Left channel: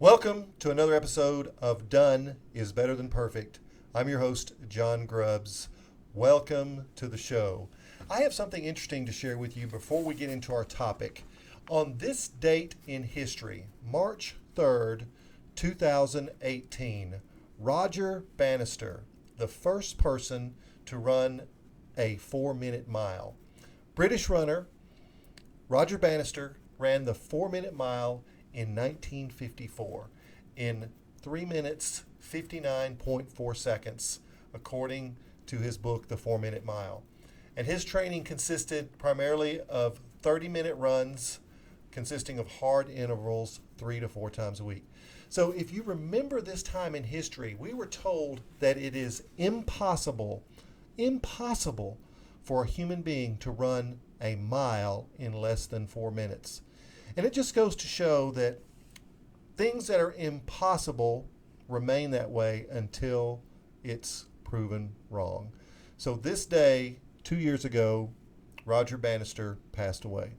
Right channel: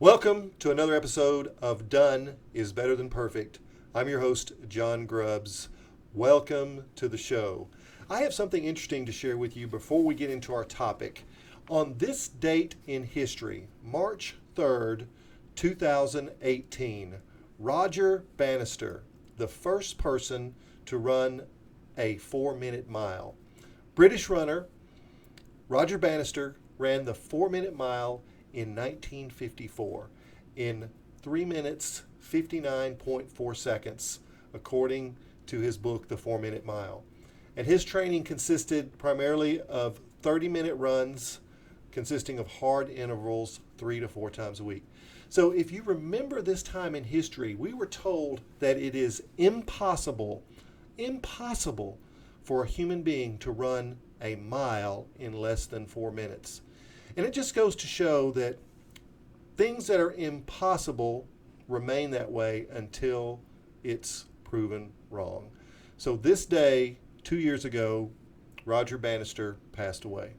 Welcome to another episode of Done is Better Than Perfect. I'm your host, John Grubbs. Welcome to the show. I have something interesting to share with you before we get into our topic. On this date in history, March 3rd, 2018, Roger Bannister, the first person to run a 4-minute mile. British runner Roger Bannister ran the 4-minute mile in 1954 in 3 minutes 59.4 seconds, according to his book, The 4-Minute Mile. And his training consisted primarily of 30-minute runs consisting of hard intervals 3 to 4 times a week. So if you remember this time in history, we were told that it is impossible for a human being to run a mile in less than 4 minutes. And it just goes to show that things that are impossible remain that way until it's proven wrong. So this day, 2 years ago, Roger Bannister passed away.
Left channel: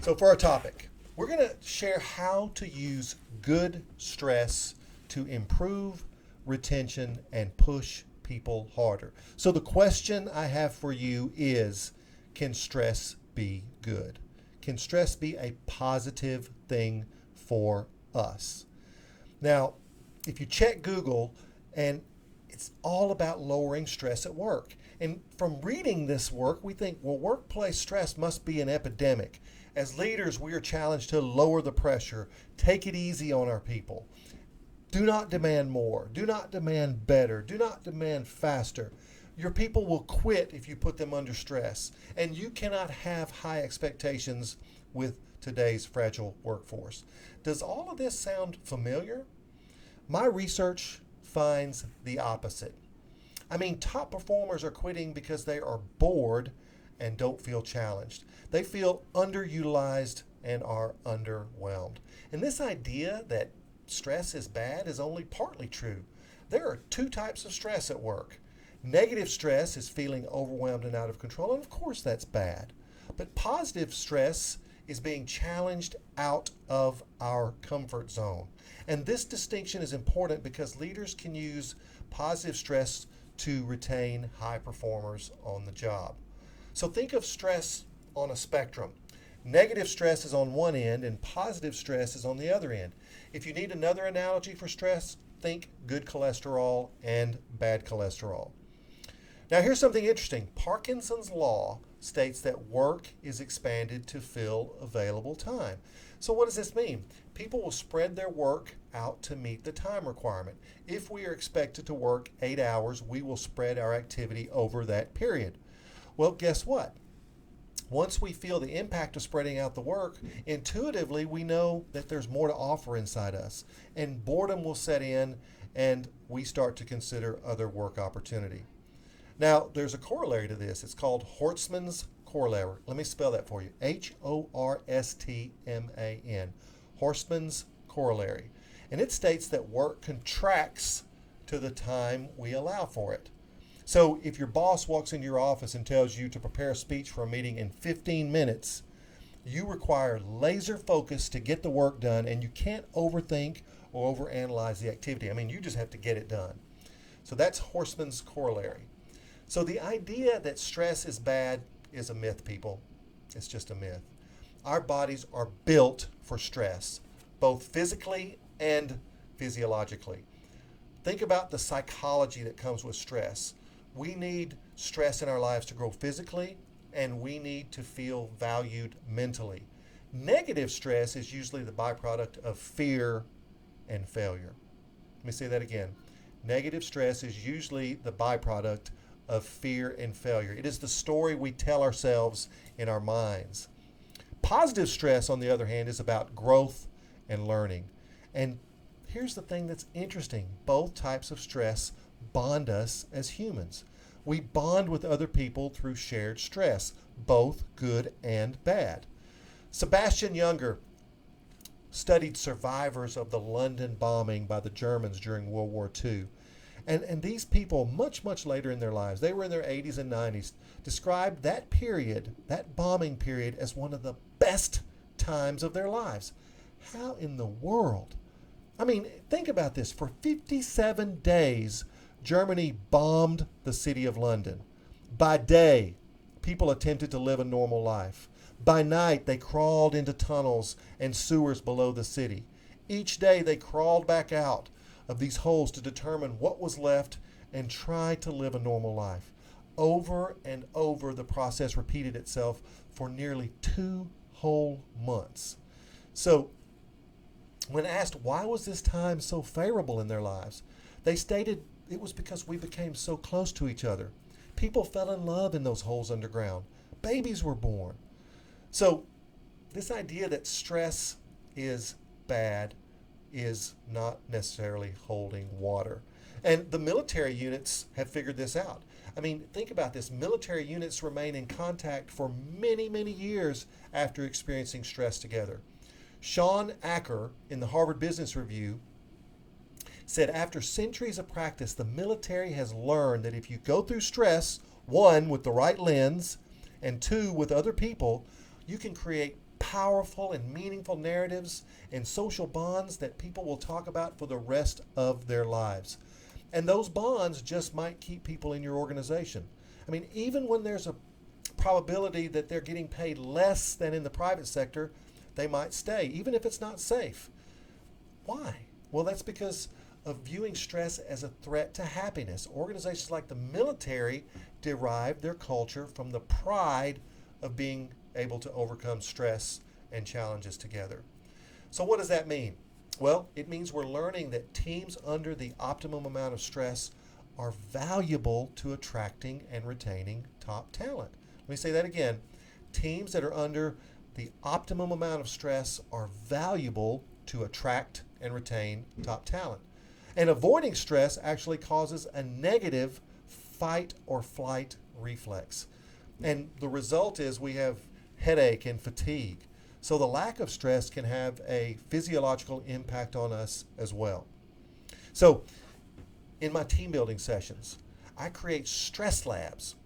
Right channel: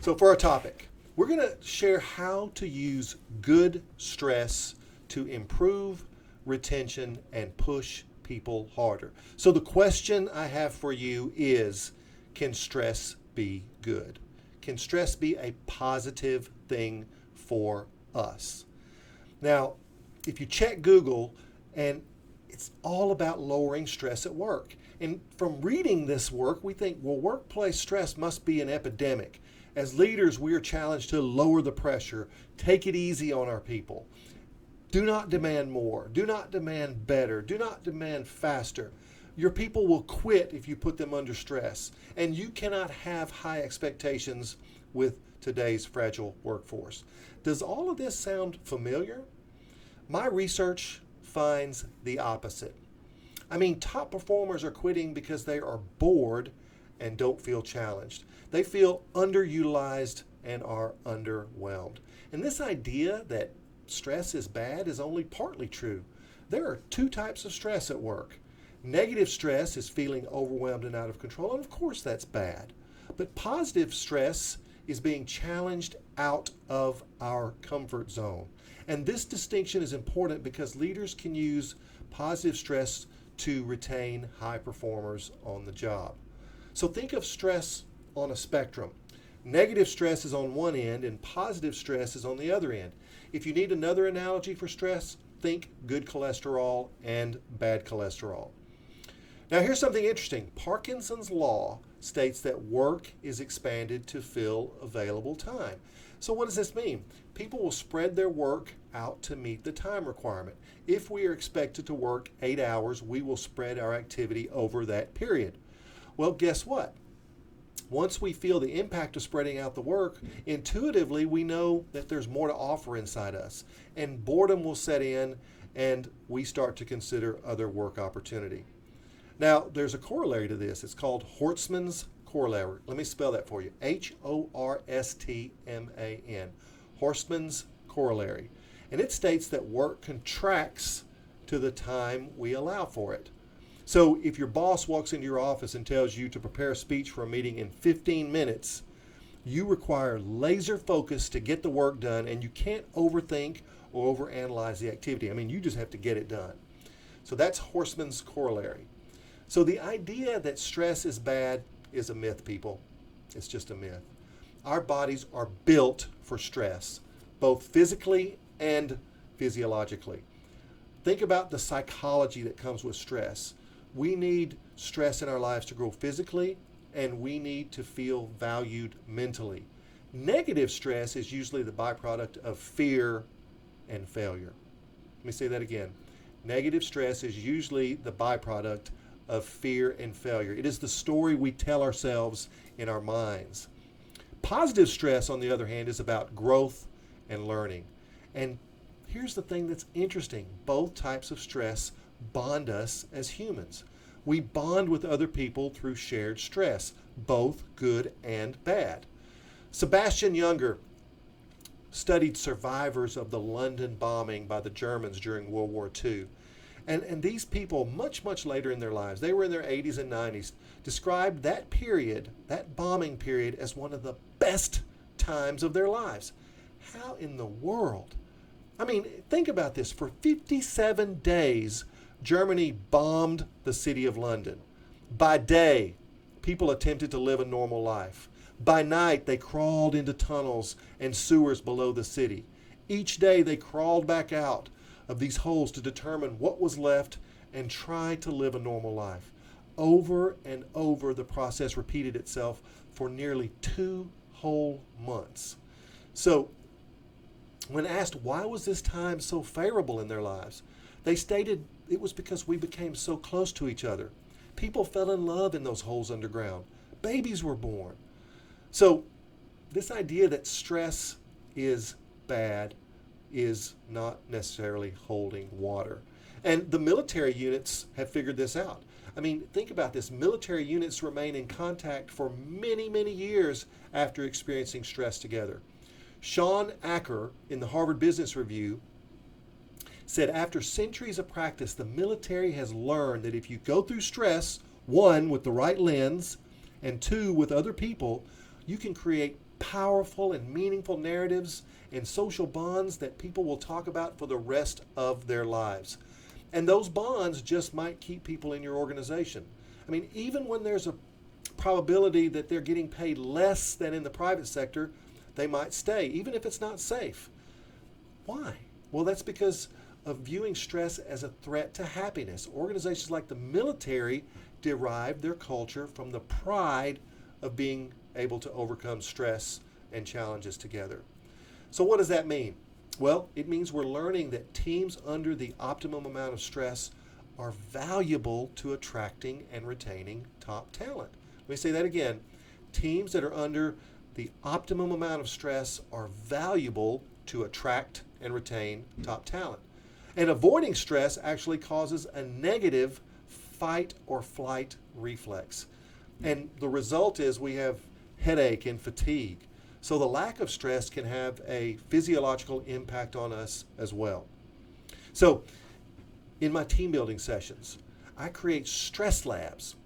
So for our topic, we're going to share how to use good stress to improve retention and push people harder. So the question I have for you is, can stress be good? Can stress be a positive thing for us? Now, if you check Google, and it's all about lowering stress at work. And from reading this work, we think, well, workplace stress must be an epidemic. As leaders, we are challenged to lower the pressure, take it easy on our people. Do not demand more. Do not demand better. Do not demand faster. Your people will quit if you put them under stress, and you cannot have high expectations with today's fragile workforce. Does all of this sound familiar? My research finds the opposite. I mean, top performers are quitting because they are bored and don't feel challenged. They feel underutilized and are underwhelmed. And this idea that stress is bad is only partly true. There are two types of stress at work. Negative stress is feeling overwhelmed and out of control, and of course that's bad. But positive stress is being challenged out of our comfort zone. And this distinction is important because leaders can use positive stress to retain high performers on the job. So think of stress on a spectrum. Negative stress is on one end and positive stress is on the other end. If you need another analogy for stress, think good cholesterol and bad cholesterol. Now here's something interesting. Parkinsons Law states that work is expanded to fill available time. So what does this mean? People will spread their work out to meet the time requirement. If we are expected to work 8 hours, we will spread our activity over that period. Well, guess what? Once we feel the impact of spreading out the work, intuitively we know that there's more to offer inside us, and boredom will set in and we start to consider other work opportunity. Now, there's a corollary to this. It's called Horstman's corollary. Let me spell that for you. Horstman. Horstman's corollary. And it states that work contracts to the time we allow for it. So if your boss walks into your office and tells you to prepare a speech for a meeting in 15 minutes, you require laser focus to get the work done, and you can't overthink or overanalyze the activity. I mean, you just have to get it done. So that's Horstman's corollary. So the idea that stress is bad is a myth, people. It's just a myth. Our bodies are built for stress, both physically and physiologically. Think about the psychology that comes with stress. We need stress in our lives to grow physically, and we need to feel valued mentally. Negative stress is usually the byproduct of fear and failure. Let me say that again. Negative stress is usually the byproduct of fear and failure. It is the story we tell ourselves in our minds. Positive stress, on the other hand, is about growth and learning. And here's the thing that's interesting. Both types of stress bond us as humans. We bond with other people through shared stress, both good and bad. Sebastian Junger studied survivors of the London bombing by the Germans during World War II. And these people, much later in their lives, they were in their 80s and 90s, described that period, that bombing period, as one of the best times of their lives. How in the world? I mean, think about this. For 57 days, Germany bombed the city of London. By day, people attempted to live a normal life. By night, they crawled into tunnels and sewers below the city. Each day, they crawled back out of these holes to determine what was left and try to live a normal life. Over and over, the process repeated itself for nearly 2 whole months. So, when asked why was this time so favorable in their lives, they stated it was because we became so close to each other. People fell in love in those holes underground. Babies were born. So, this idea that stress is bad is not necessarily holding water. And the military units have figured this out. I mean, think about this. Military units remain in contact for many, many years after experiencing stress together. Sean Acker in the Harvard Business Review said after centuries of practice, the military has learned that if you go through stress, 1, with the right lens, and 2, with other people, you can create powerful and meaningful narratives and social bonds that people will talk about for the rest of their lives. And those bonds just might keep people in your organization. I mean, even when there's a probability that they're getting paid less than in the private sector, they might stay, even if it's not safe. Why? Well, that's because of viewing stress as a threat to happiness. Organizations like the military derive their culture from the pride of being able to overcome stress and challenges together. So what does that mean? Well, it means we're learning that teams under the optimum amount of stress are valuable to attracting and retaining top talent. Let me say that again. Teams that are under the optimum amount of stress are valuable to attract and retain top talent. And avoiding stress actually causes a negative fight or flight reflex. And the result is we have headache and fatigue. So the lack of stress can have a physiological impact on us as well. So in my team building sessions, I create stress labs,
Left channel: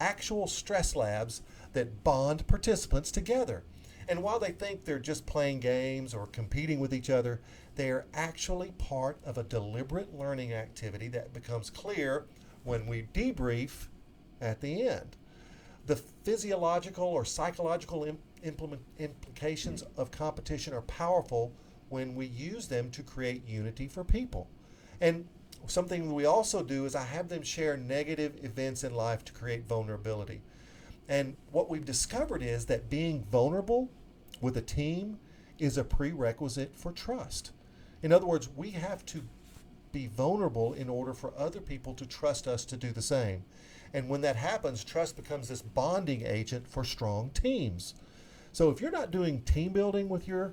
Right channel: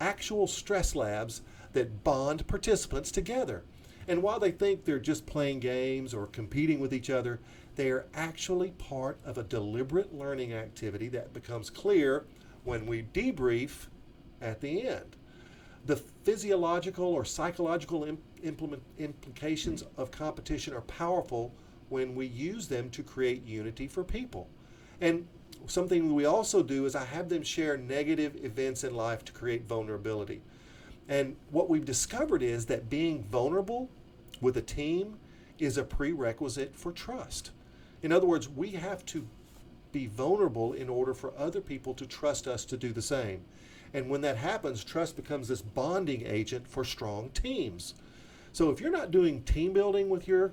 actual stress labs that bond participants together. And while they think they're just playing games or competing with each other, they are actually part of a deliberate learning activity that becomes clear when we debrief at the end. The physiological or psychological implications of competition are powerful when we use them to create unity for people. And something we also do is I have them share negative events in life to create vulnerability. And what we've discovered is that being vulnerable with a team is a prerequisite for trust. In other words, we have to be vulnerable in order for other people to trust us to do the same. And when that happens, trust becomes this bonding agent for strong teams. So if you're not doing team building with your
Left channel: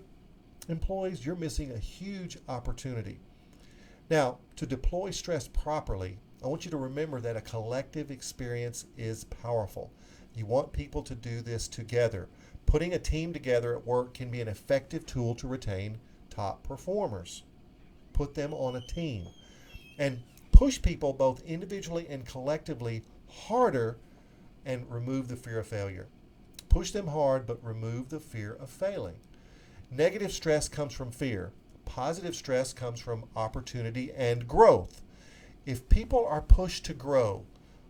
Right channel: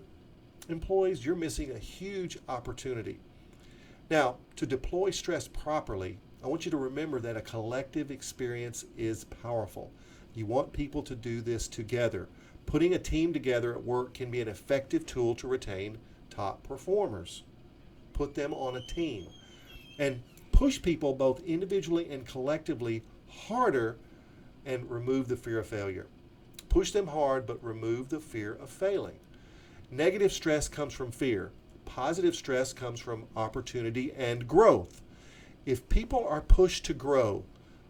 employees, you're missing a huge opportunity. Now, to deploy stress properly, I want you to remember that a collective experience is powerful. You want people to do this together. Putting a team together at work can be an effective tool to retain top performers. Put them on a team and push people both individually and collectively harder and remove the fear of failure. Push them hard, but remove the fear of failing. Negative stress comes from fear. Positive stress comes from opportunity and growth. If people are pushed to grow,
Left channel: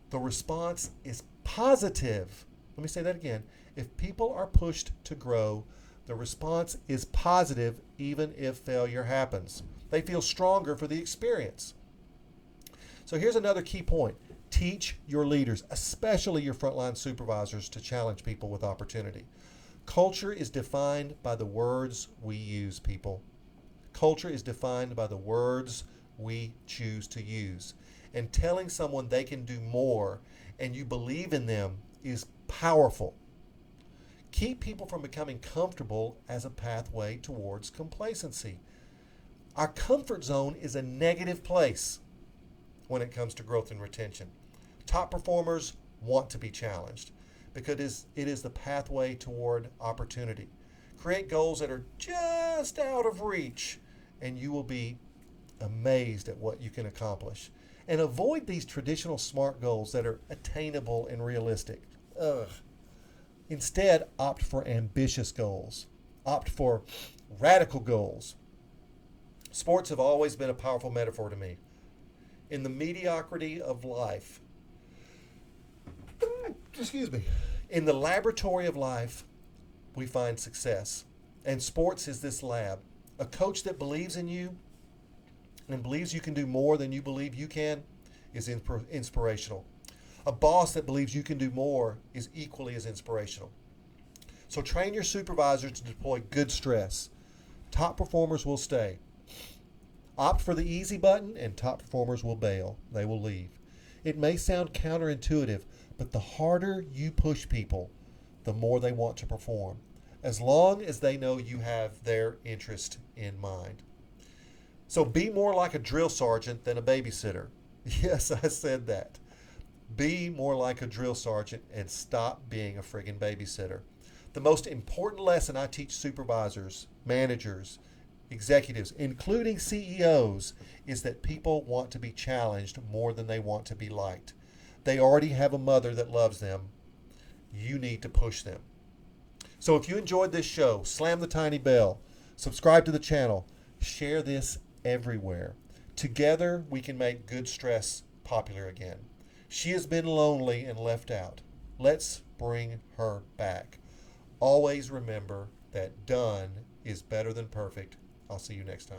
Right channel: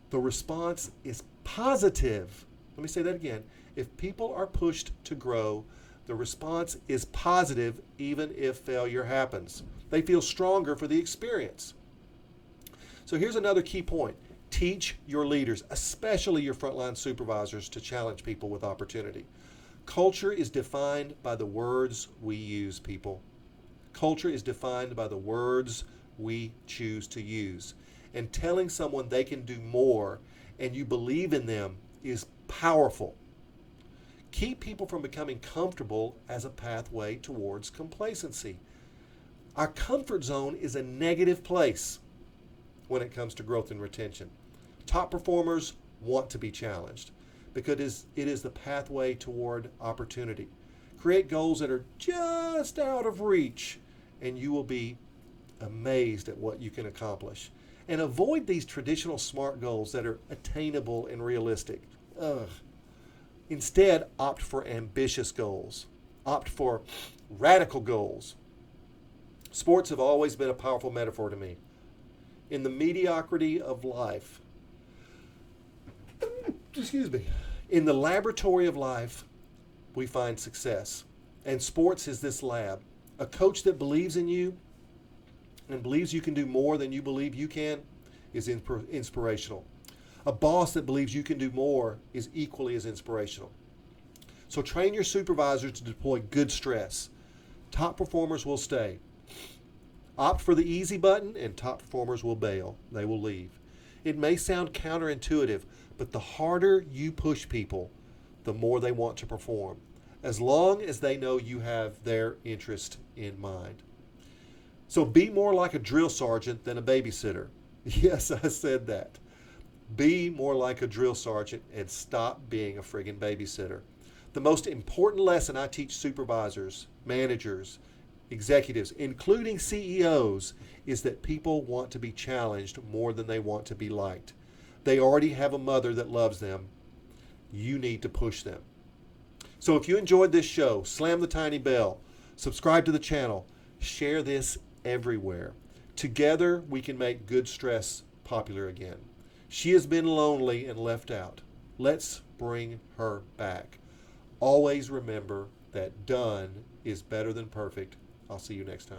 the response is positive. Let me say that again. If people are pushed to grow, the response is positive even if failure happens. They feel stronger for the experience. So here's another key point. Teach your leaders, especially your frontline supervisors, to challenge people with opportunity. Culture is defined by the words we use, people. Culture is defined by the words we choose to use. And telling someone they can do more and you believe in them is powerful. Keep people from becoming comfortable as a pathway towards complacency. Our comfort zone is a negative place when it comes to growth and retention. Top performers want to be challenged because it is the pathway toward opportunity. Create goals that are just out of reach, and you will be amazed at what you can accomplish. And avoid these traditional SMART goals that are attainable and realistic. Instead, opt for ambitious goals. Opt for radical goals. Sports have always been a powerful metaphor to me. In the mediocrity of life, excuse me, in the laboratory of life, we find success. And sports is this lab. A coach that believes in you and believes you can do more than you believe you can is inspirational. A boss that believes you can do more is equally as inspirational. So train your supervisors to deploy good stress. Top performers will stay. Opt for the easy button and top performers will bail. They will leave. It may sound counterintuitive, but the harder you push people, the more they want to perform, as long as they know you have their interest in mind. So be more like a drill sergeant than a babysitter. Yes, I said that. Be more like a drill sergeant and stop being a friggin' babysitter. The most important lesson I teach supervisors, managers, executives, including CEOs, is that people want to be challenged more than they want to be liked. They already have a mother that loves them. You need to push them. So if you enjoyed this show, slam the tiny bell, subscribe to the channel, share this everywhere. Together, we can make good stress popular again. She has been lonely and left out. Let's bring her back. Always remember that done is better than perfect. I'll see you next time.